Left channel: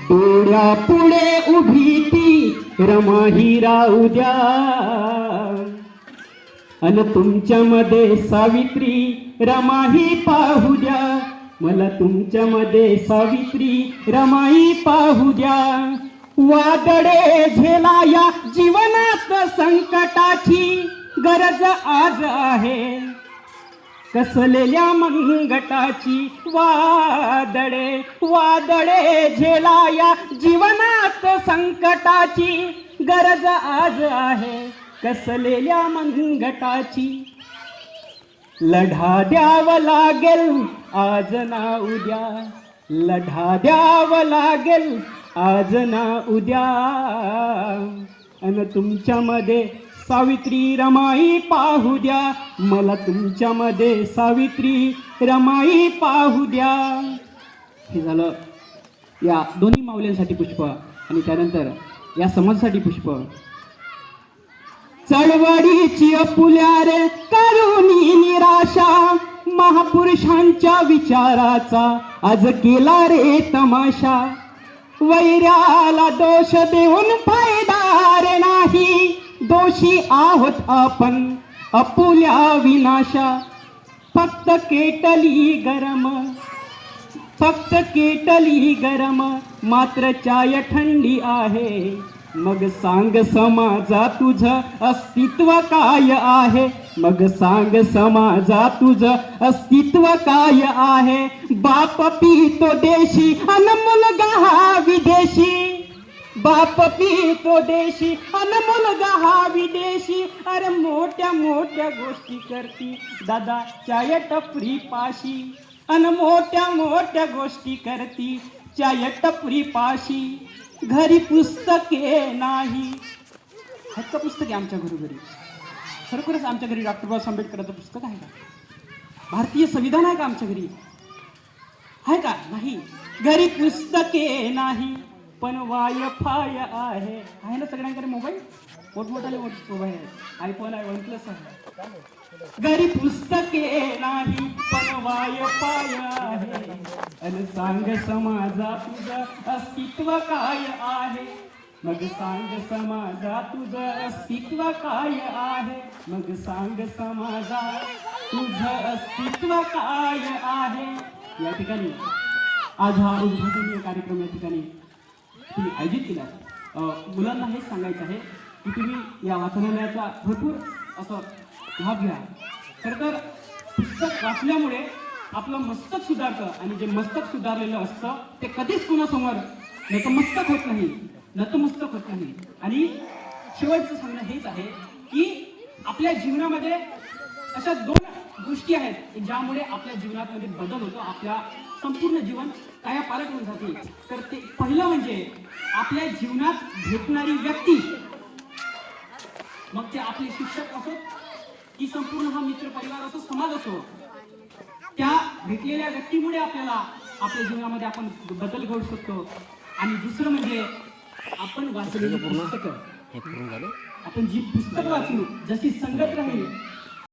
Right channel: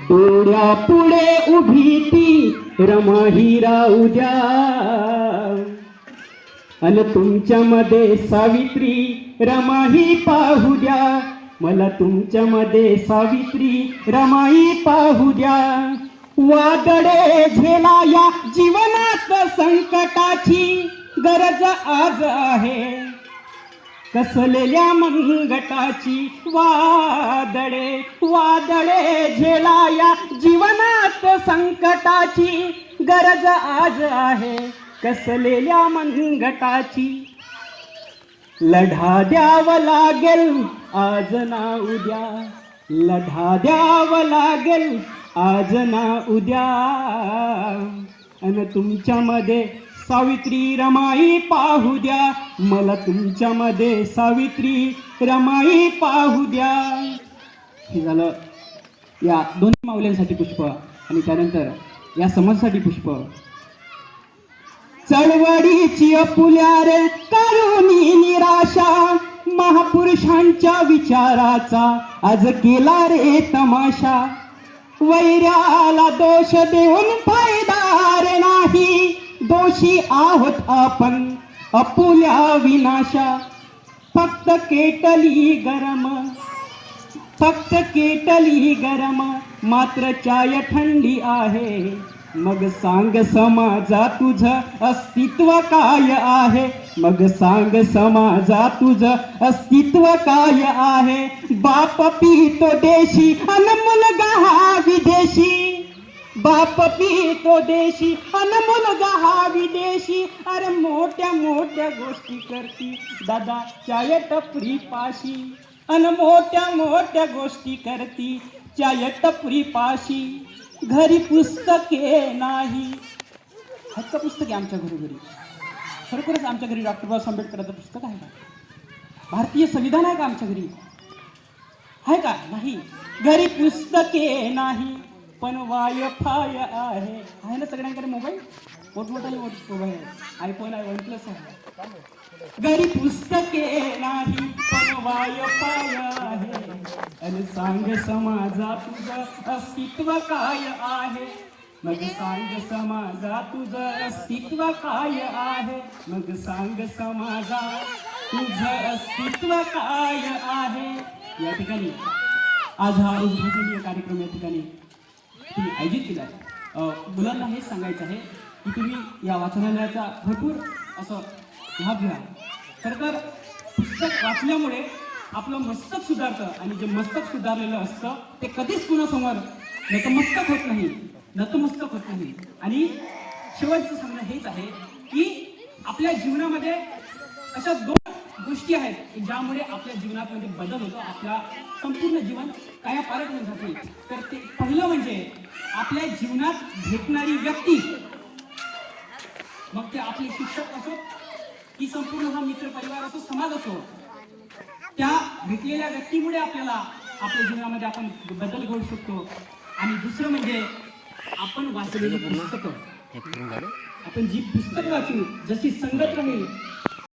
डोळ्या पुढे उभी ती रमा ही राहू द्या. अन तुमच्यामध्ये सावित्री रमाही पाहू द्या. मला तुमच्यामध्ये सावित्री रमाई पाहू द्या. वादळे झेला या जीवनात संकटाची गरज आज आहे. कसलेल्या मंगटाची वादळे वादळे झेला या जीवनात संकटाची गरज आज आहे. कसलेल्या मंगटाची लढा द्यावं लागेल आज ना उद्या. लढा द्यावं लागेल आज ना उद्या. अन तुमच्यामध्ये सावित्री रमाई पाहू द्या. मला तुमच्यामध्ये सावित्री रमाई पाहू द्या. हे झालं. या दोन्ही माऊल्यांसाठी पुष्प आणि त्यानंतर या समाजासाठी पुष्प. चळवळीची अपुल्या रे करुणी निराशा महापुरुषांच्या विचाराचा आज केला रे तमाशा. वैऱ्याला दोष देऊन फायदा रे नाही दोषी आहोत आपण अपुल्या विनाशा. फक्त केटली गरम फक्त केटली गरम मात्र चाय थंडी आहे. मग सांग समाजा तुझ अस्तित्व काय आहे? मग सांग समाजा तुझ अस्तित्व काय आहे? बाप पितो देशी अन मुलगा हा विदेशी. बाप पितो देशी अन मुलगा हा विदेशी. अरे मोठ्या मोठ्या गोष्टी करती दादा चाय टपरी पाशी. अन मोठ्या मोठ्या गोष्टी करती चाय टपरी पाशी. घरी पुस्तके नाही. हक्क पुस्तके आमच्या घरोघरी खरोखरच आमच्या घरी डॉक्टर बाबासाहेब आंबेडकरांचं पुस्तक आहे का? भारतीय संविधान आहे का आमच्या घरी? आहे का? नाही. घरी पुस्तके नाही. पण वाय फाय आहे. आहे ना सगळ्यांकडे मोबाईल? मोठमोठाले मोबाईल आयफोन आहे वन प्लस आहे. घरी पुस्तके नाही पण वायफाय आहे. आणि सांग समाजा तुझं अस्तित्व काय आहे? मग सांग समाजा तुझं अस्तित्व काय आहे? मग सांग समाजा तुझं अस्तित्व काय आहे? या ठिकाणी. आज हा उद्घाटनीय कार्यक्रम या ठिकाणी. तुम्ही आयोजित केला आहे. मुलांना हेच सांगायचं आहे की तुम्ही या वाचनालयाचा भरपूर असं लाभ घ्या. खरं तर पुस्तक वाचल्यामुळे आपलं मस्तक सुधारतं आणि जे मस्तक सुधारलेलं असतं ते कधीच कुणासमोर नतमस्तक होत नाही. नतमस्तक होत नाही. आणि शेवटचं सांगणं हेच आहे की आपल्या जीवनामध्ये अशा दोन गोष्टी आहेत की ज्यामुळे आपल्या जीवनामध्ये बदल होतो आपल्या संपूर्ण जीवन कायापालट होऊन जाते. तर ते पहिलं म्हणजे आपल्या जीवनात भेटणारी व्यक्ती. मग ते आपले शिक्षक असो की संपूर्ण हा मित्र परिवार असो समाज असो त्या भेटलेल्या व्यक्तीमुळे आपल्याला आपल्या जीवनामध्ये आपण बदल घडू शकतो. आणि दुसरं म्हणजे आपण वाचलेली पुस्तकं. आपण जी पुस्तक वाचू जशी संगत राहील